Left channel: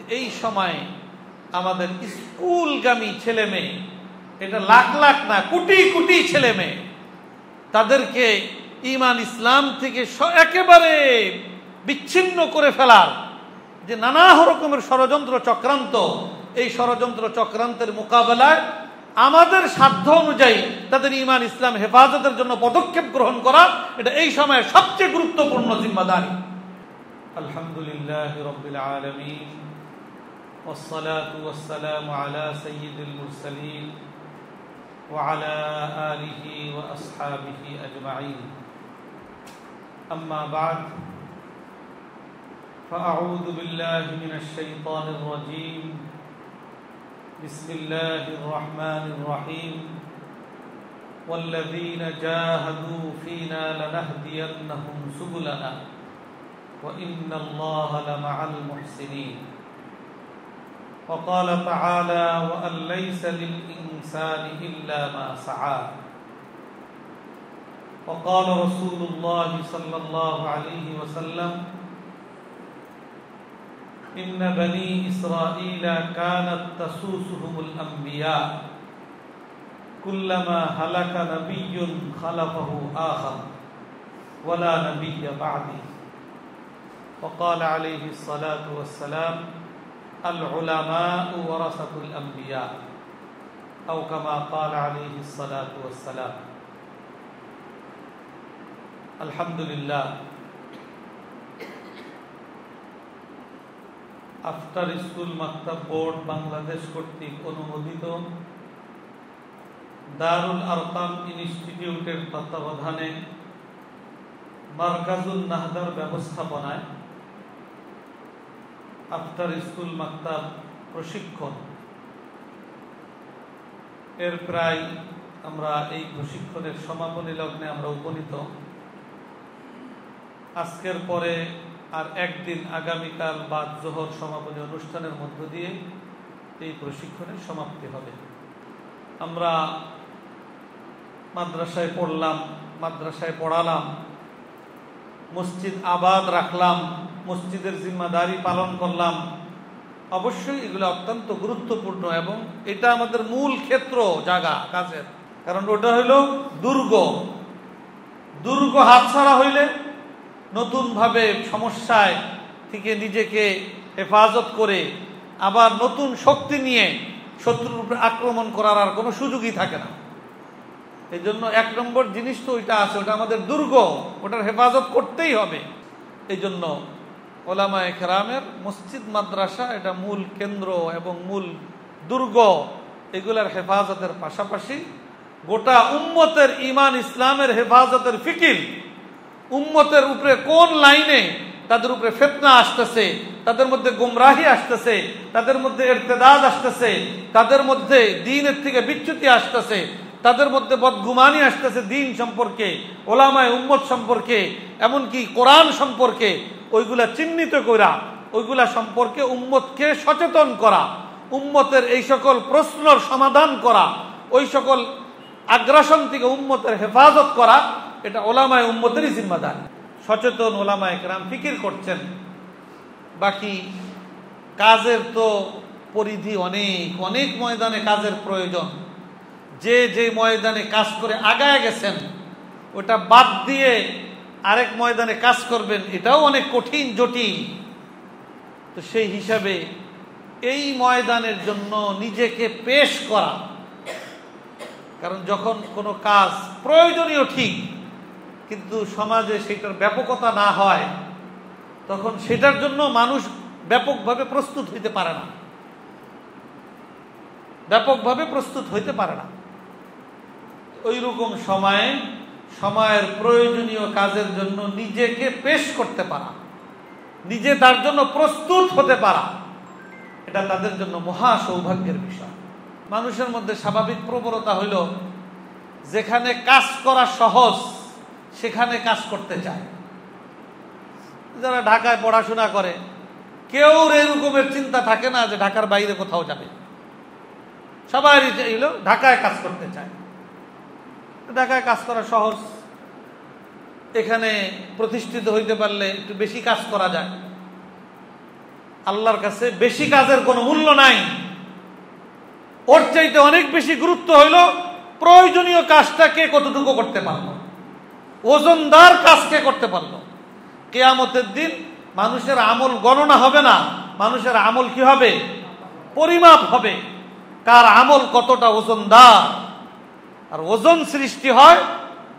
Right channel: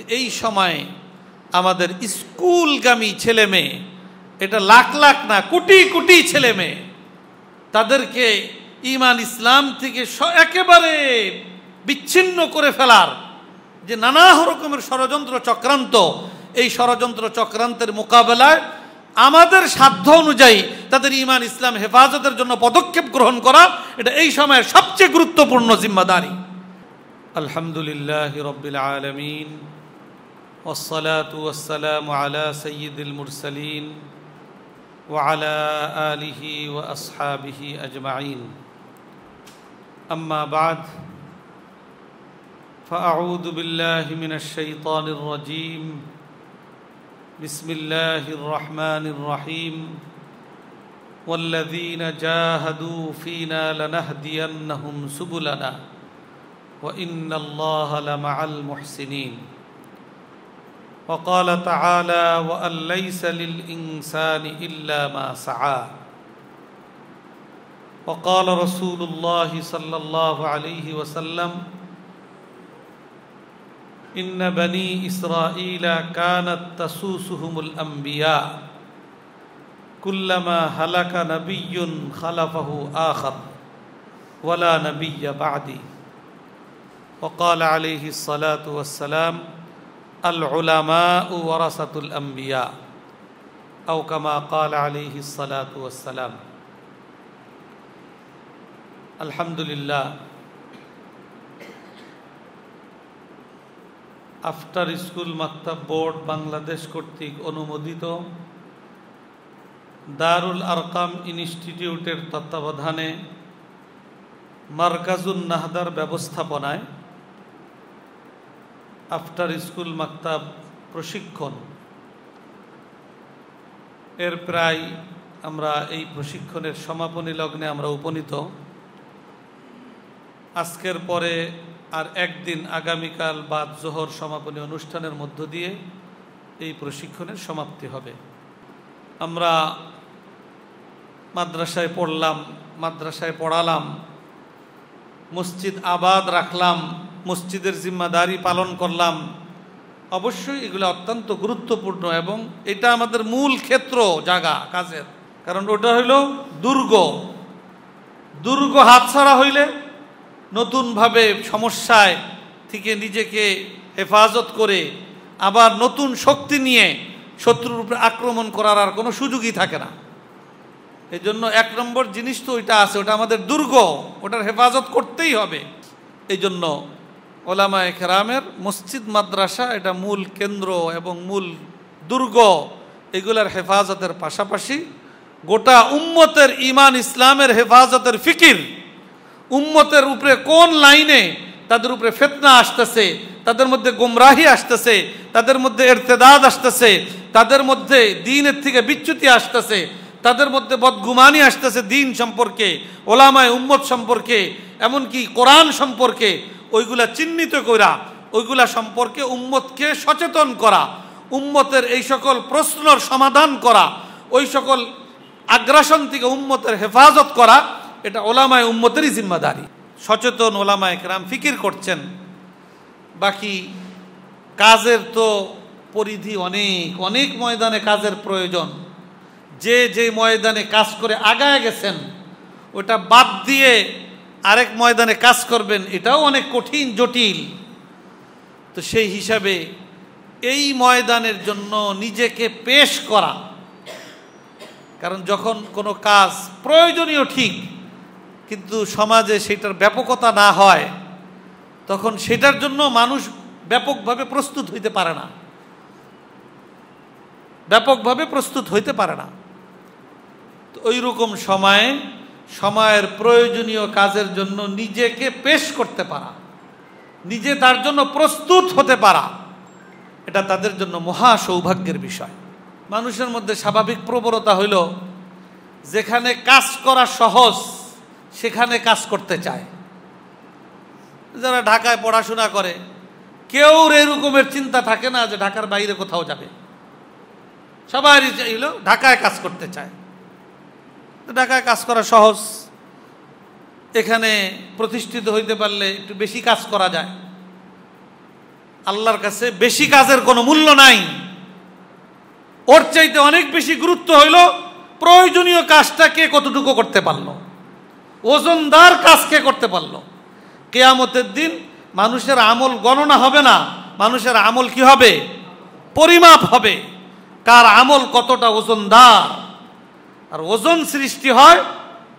যে এই সময় আমাদের স্কুলগামী ছেলে মেয়ে, এটা লাখ লাখ না কোটি কোটি ছেলে মেয়ে, তাদেরকে ঈমান ইসলাম থেকে একেবারে বিচ্ছিন্ন করে ফেলার যে নানা রকমের ষড়যন্ত্র চক্রান্ত, এই ষড়যন্ত্র চক্রান্তের মোকাবেলায় আমাদের সাধ্য অনুযায়ী তাদের ঈমান ইসলাম হেফাজতের জন্য পদক্ষেপ গ্রহণ করা, এটা এই সময়ের সবচেয়ে গুরুত্বপূর্ণ জিম্মাদারি। আলহামদুলিল্লাহি রাব্বিল আলামিন ওয়াসসালাতু ওয়াসসালামু আলা সাইয়্যিদিল মুরসালিন ওয়া আলা আলিহি ওয়া আসহাবিহি আজমাইন। আম্মা বা'দ, ফাআউযু বিল্লাহি মিনাশ শাইতানির রাজীম। বিসমিল্লাহির রহমানির রহিম। ওয়াল্লাযীনা জাহাদু ফীনা লানাহদিয়ান্নাহুম সুবুলানা ওয়া ইন্নাল্লাহা লামাআল মুহসিনিন। وقال تعالى وأن ليس للإنسان إلا ما سعى. وقال رسول الله صلى الله عليه وسلم إن بني إسرائيل كانت تسوسهم الأنبياء كلما هلك نبي خلفه آخر ولا نبي بعدي. وقال عليه الصلاة والسلام العلماء ورثة الأنبياء أو كما قال عليه الصلاة والسلام. الحمد لله, আফটার স্কুল মাকতাব বোর্ড বাংলাদেশ কর্তৃক অনুমোদিত দারুল আরকাম ইনস্টিটিউটের তত্ত্বাবধানে মারকাজুন নাহদার ব্যবস্থাপনায় আফটার স্কুল মাকতাব প্রশিক্ষণ এর প্রায় আমরা এই প্রশিক্ষণের সমাপনী লগ্নে আমরা উপনীত। আজকের পরে আর একদিন আগামীকাল বাদ জোহর সমাপনী অনুষ্ঠানের মধ্য দিয়ে এই প্রশিক্ষণের সমাপ্তি হবে। আমরা মাদ্রাসায় পড়লাম, মাদ্রাসায় পড়ালাম, মসজিদ আবাদ রাখলাম, মসজিদের জিম্মাদারি পালন করলাম। অবশ্যই এগুলো অত্যন্ত গুরুত্বপূর্ণ এবং এটা আমাদের মূল ক্ষেত্র জায়গা কাজের, কারণ ওটা হইল দুর্গ। দুর্গ হাতছাড়া হইলে নতুনভাবে সমস্যায় থেকে নিজেকে হেফাজত করে আবার নতুন শক্তি নিয়ে শত্রুর উপরে আক্রমণ করার আর কোনো সুযোগই থাকে না। এই জন্য এক নম্বর জিনিস তো ওইটা আছে, ওটা আমাদের দুর্গ, ওটার হেফাজত করতেই হবে। এই জন্য ওলামায়ে কেরামের মসজিদ মাদ্রাসা এটা মূল কেন্দ্র এবং মূল দুর্গ। এগুলোর হেফাজতের পাশাপাশি গোটা উম্মতের ঈমান ইসলামের হেফাজতের ফিকির, উম্মতের উপরে কোন লাইনে তাদের উপরে ফিতনা আসতেছে, তাদের মধ্যে গুমরাহি আসতেছে, তাদের মধ্যে ইরতিদাদ আসতেছে, তাদের মধ্যে দ্বীনের থেকে বিচ্যুতি আসতেছে, তাদের মধ্যে বদগুমানি আসতেছে দ্বীন সম্পর্কে, ওলামায়ে উম্মত সম্পর্কে, এমনকি কোরআন সম্পর্কে, ওইগুলা চিহ্নিত করা, ওইগুলা সম্পর্কে উম্মতকে সচেতন করা, উম্মতের এই সকল প্রশ্নের সমাধান করা, ওই সকল আগ্রাসন থেকে উম্মতের হেফাজত করা, এটা ওলামায়ে উম্মতেরই জিম্মাদারি। সচেতন ওলামায়ে কেরাম ফিকির করছেন। বাকি কাজের তো পরিধি অনেক, অনেক ময়দানে কাজের প্রয়োজন। যে যে ময়দানে কাজ করে আগায় গেছেন ওটা বাদ দিয়ে আরেক ময়দানে কাজ করবেন, এটাও অনেক কঠিন জটিল। তো সেই হিসাবে এই ময়দানের জন্য নিজেকে পেশ করা, কারণ যখন কোনো কাজ প্রয়োজনীয় ঠিক কিন্তু সমাজে সেটার ব্যাপকতা না হয় তখন সেটার জন্য মানুষ ব্যাপকভাবে প্রস্তুত হইতে পারে না, ব্যাপকভাবে প্রস্তুত হইতে পারে না। তো ওই রকম সময়ে সময়ের প্রয়োজনীয় কাজের জন্য নিজেকে পেশ করতে পারা, নিজে তার জন্য প্রস্তুত হতে পারা, এটা তাদের জন্য মহা সৌভাগ্যের বিষয়। মানুষের মধ্যে স্বাভাবিক প্রবণতা হইল যেখানে কাজ করা সহজ সেখানে কাজ করতে চায়। যারা ঢাকায় পড়াশোনা করে কেউ এরকমের চিন্তা থাকে না যে ঢাকার বাইরে কোথাও যাবে, সবাই চাইল ঢাকায় কাজ করতে চায়। ঢাকায় কাজ করা সহজ, এখানে প্রতিষ্ঠিত হইতে পারলে একটু বেশি কাজ করা যায়। আল্লাহর কাছে বেশি কাজের কোনো মূল্য নাই। ওর চাইতে অনেক বেশি গুরুত্ব হইল প্রয়োজনীয় কাজটা কে কতটুকু করতে পারলো, ওজনদার কাজ কে করতে পারলো। কিয়ামতের দিন মানুষের আমল গণনা হবে না, মানুষের আমল কি হবে? পরিমাপ হবে, কার আমল কতটা ওজনদার। আর ওজন সৃষ্টি হয়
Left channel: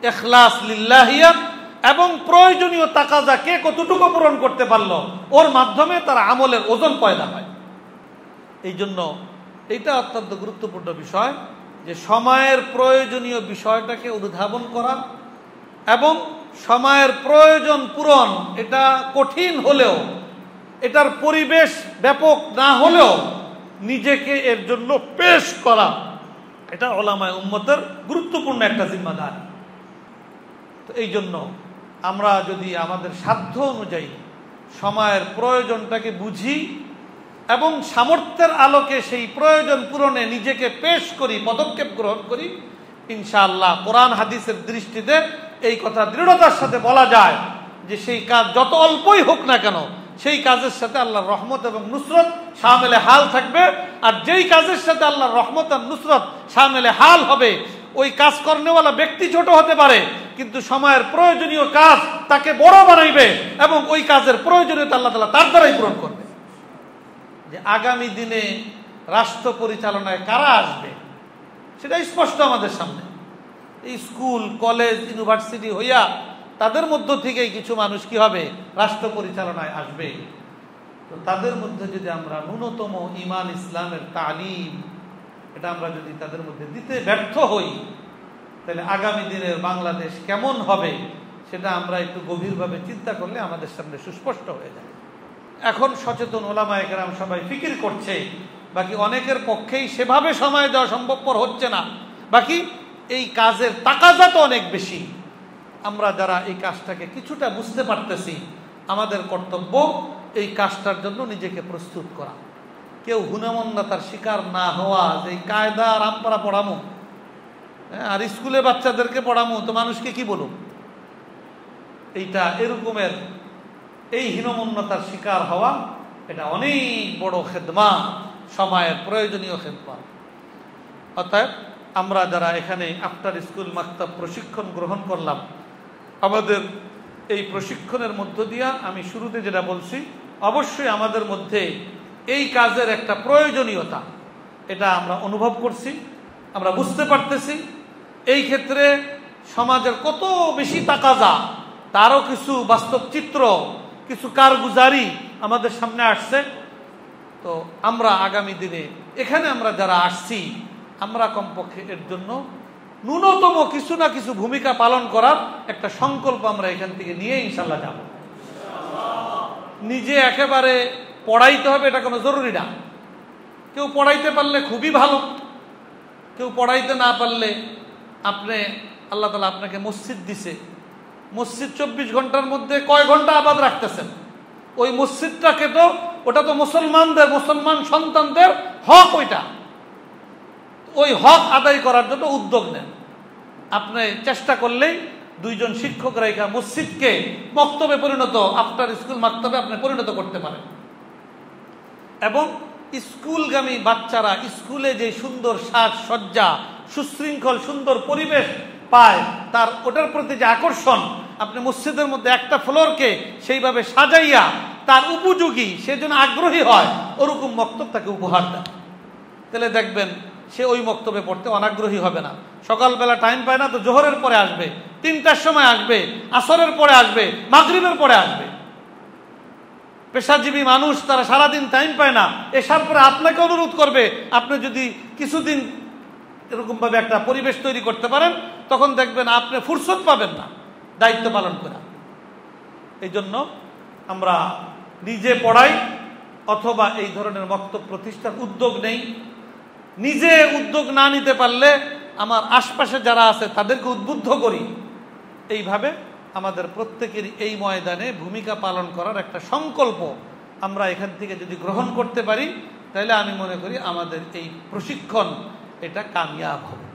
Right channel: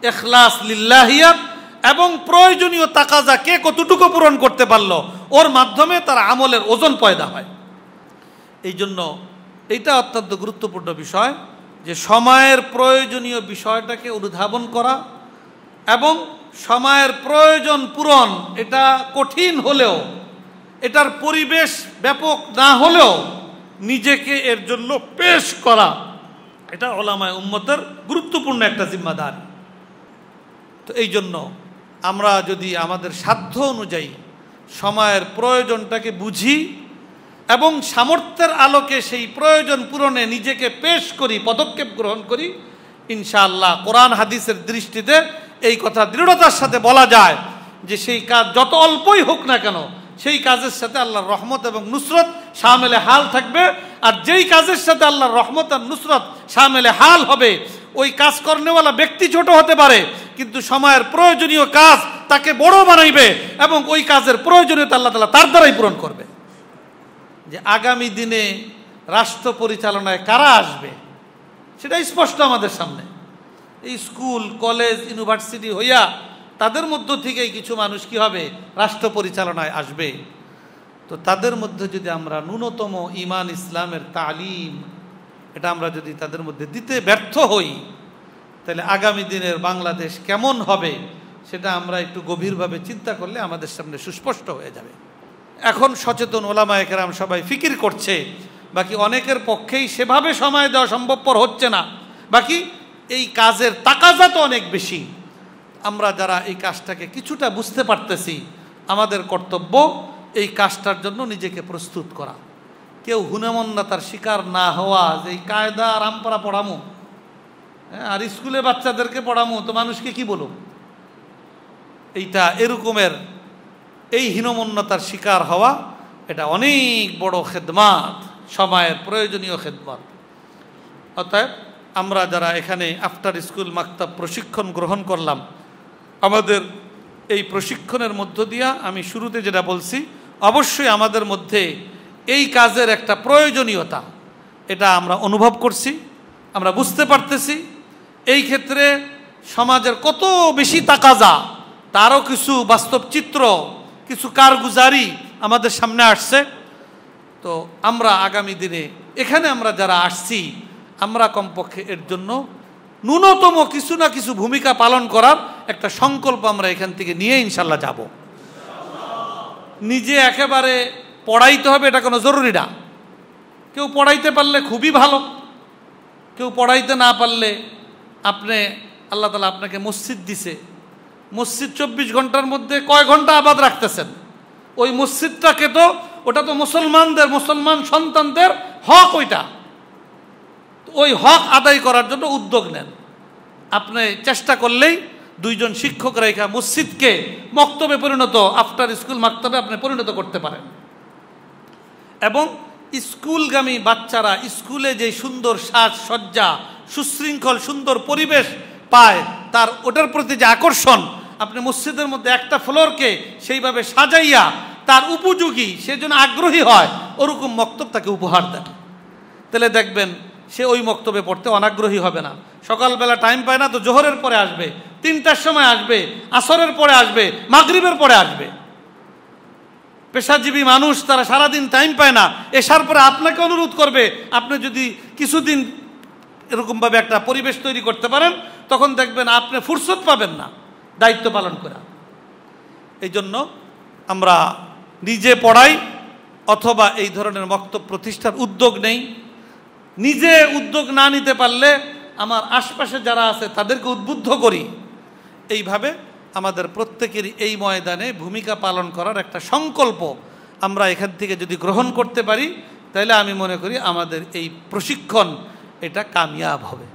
ইখলাস লিল্লাহিয়াত এবং প্রয়োজনীয় তাকাজা কে কতটুকু পূরণ করতে পারলো, ওর মাধ্যমে তার আমলের ওজন পয়দা হয়। এই জন্য এটা অত্যন্ত গুরুত্বপূর্ণ বিষয় যে সময়ের প্রয়োজনীয় বিষয়টাকে অনুধাবন করা এবং সময়ের প্রয়োজন পূরণ এটা কঠিন হলেও, এটার পরিবেশ ব্যাপক না হলেও নিজেকে এর জন্য পেশ করা, এটা উলামায়ে উম্মতের গুরুত্বপূর্ণ একটা জিম্মাদারি। তো এই জন্য আমরা যদি আমাদের সাধ্য অনুযায়ী সময়ের প্রয়োজনটাকে বুঝি এবং সামর্থ্যের আলোকে সেই প্রয়োজন পূরণে নিজেকে পেশ করি, পদক্ষেপ গ্রহণ করি, ইনশাআল্লাহ কোরআন হাদিসের দৃষ্টিতে এই কথা দৃঢ়তার সাথে বলা যায় যে সেই কাজ যত অল্পই হোক না কেন সেই কাজের সাথে আল্লাহর রহমত এবং নুসরত শামিলে হাল থাকবে। আর যেই কাজের সাথে আল্লাহর রহমত আর নুসরত শামিলে হাল হবে ওই কাজ করনেওয়ালা ব্যক্তি ছোট হতে পারে, কিন্তু সময়ের প্রয়োজনীয় কাজ তাকে বড় বানাইবে এবং ওই কাজের প্রয়োজনীয়তা আল্লাহ তাআলা তার দ্বারাই পূরণ করবে। যে আগামী দিনে রাষ্ট্র পরিচালনায় কারা আসবে সেটা স্পষ্ট আমাদের সামনে। এই স্কুল কলেজ ইউনিভার্সিটি হইয়া তাদের মধ্য থেকেই কিছু মানুষ কি হবে? রাষ্ট্র পরিচালনায় আসবে। তো তাদের মধ্যে যদি আমরা ন্যূনতম ঈমান ইসলামের তালিম এটা আমরা যদি তাদের মধ্যে দিতে ব্যর্থ হই, তাহলে আগামী দিনের বাংলাদেশ কেমন হবে সেটা আমরা একটু গভীরভাবে চিন্তা করলে আমাদের সামনে সুস্পষ্ট হয়ে যাবে। এখন সচেতন ওলামায়ে কেরাম সবাই ফিকির করছে, বাকি অনেকের পক্ষেই সেভাবে সময় দেওয়া সম্ভবপর হচ্ছে না, বাকি এই কাজের তাকাজা তো অনেক বেশি। আমরা যারা এই কাজটাকে কিছুটা বুঝতে পারতেছি আমাদের কর্তব্য এই কাজটার জন্য নিজেকে প্রস্তুত করা। কেউ হুনেমন্দাতার শিকার না হওয়া, যে এই কায়দা আর আমপারা পড়ামো আর স্কুলে বাচ্চাদেরকে পড়ামো তো মানুষকে কি বলো, এইটা এরকমের এই হীনমন্যতার শিকার হওয়া এটা অনেক বড় খেদমাত, সময়ের প্রয়োজনীয় খেদমত। অর্থাৎ আমরা যারা এখানে আফটার স্কুল মাকতাব প্রশিক্ষণ গ্রহণ করলাম, আমাদের এই প্রশিক্ষণের মধ্য দিয়া আমি শুরুতে যেটা বলছি, অবশ্যই আমাদের মধ্যে এই কাজের একটা প্রয়োজনীয়তা এটা আমরা অনুভব করছি, আমরা বুঝতে পারতেছি। এই ক্ষেত্রে সমাজের কত বেশি তাকাজা তারও কিছু বাস্তব চিত্র, কিছু কারগুজারি আমাদের সামনে আসছে। তো আমরা আগামী দিনে এখানে আমরা যারা আসছি আমরা কমপক্ষে এর জন্য ন্যূনতম কিছু না কিছু ভূমিকা পালন করার একটা সংকল্প আমরা এখান থেকে নিয়ে ইনশাল্লাহ যাব। নিজে একেবারে পড়াইতে হবে এটা কোনো জরুরি না। কেউ পড়াইতে পারলে খুবই ভালো, কেউ পড়াইতে না পারলে আপনি আল্লাহ তাআলা আপনাকে মসজিদ দিছে, মসজিদ 24 ঘন্টার মধ্যে কয় ঘন্টা আবাদ রাখতেছেন, ওই মসজিদটাকে তো ওটা তো মুসলমানদের, মুসলমান সন্তানদের হক, ওইটা ওই হক আদায় করার জন্য উদ্যোগ নেন। আপনি চেষ্টা করলেই দুইজন শিক্ষক রেখা মসজিদকে মক্তবে পরিণত, আফটার স্কুল মাকতবে আপনি পরিণত করতে পারেন। এবং স্কুলগামী বাচ্চারা স্কুলে যে সুন্দর সাজসজ্জা, সুশৃঙ্খল সুন্দর পরিবেশ পায়, তার ওটার প্রতি যে আকর্ষণ, আপনি মসজিদের মধ্যে একটা ফ্লোরকে সেইভাবে সাজাইয়া তার উপযোগী, সে যেন আগ্রহী হয়, ওরকম মক্তব তাকে উপহার দেন। তাহলে দেখবেন সে ওই মক্তবে পড়তে অনাগ্রহী হবে না। সকালবেলা টাইম পায় না তো জোহরের পরে আসবে, 3টার সময় আসবে, আসরের পরে আসবে, মাগরিবের পরে আসবে। পেশাজীবী মানুষ তারা সারাদিন টাইম পায় না, এসার পরে আপনাকে অনুরোধ করবে। আপনি যদি কিছুদিন এরকমভাবে একটা পরিবেশ তৈরি করতে পারেন তখন দেখবেন আপনি ফুরসত পাবেন না দায়িত্ব পালন করা। এই জন্য আমরা নিজে পড়াই অথবা এই ধরনের মক্তব প্রতিষ্ঠার উদ্যোগ নেই। নিজে উদ্যোগ না নিতে পারলে আমার আশপাশে যারা আছে তাদেরকে উদ্বুদ্ধ করি। এইভাবে আমাদের প্রত্যেকেরই এই ময়দানে ভূমিকা পালন করার একটা সংকল্প আমরা এখান থেকে যদি গ্রহণ করতে পারি, তাহলে আমি মনে করি আমাদের এই প্রশিক্ষণ এটা কামিয়াব হবে।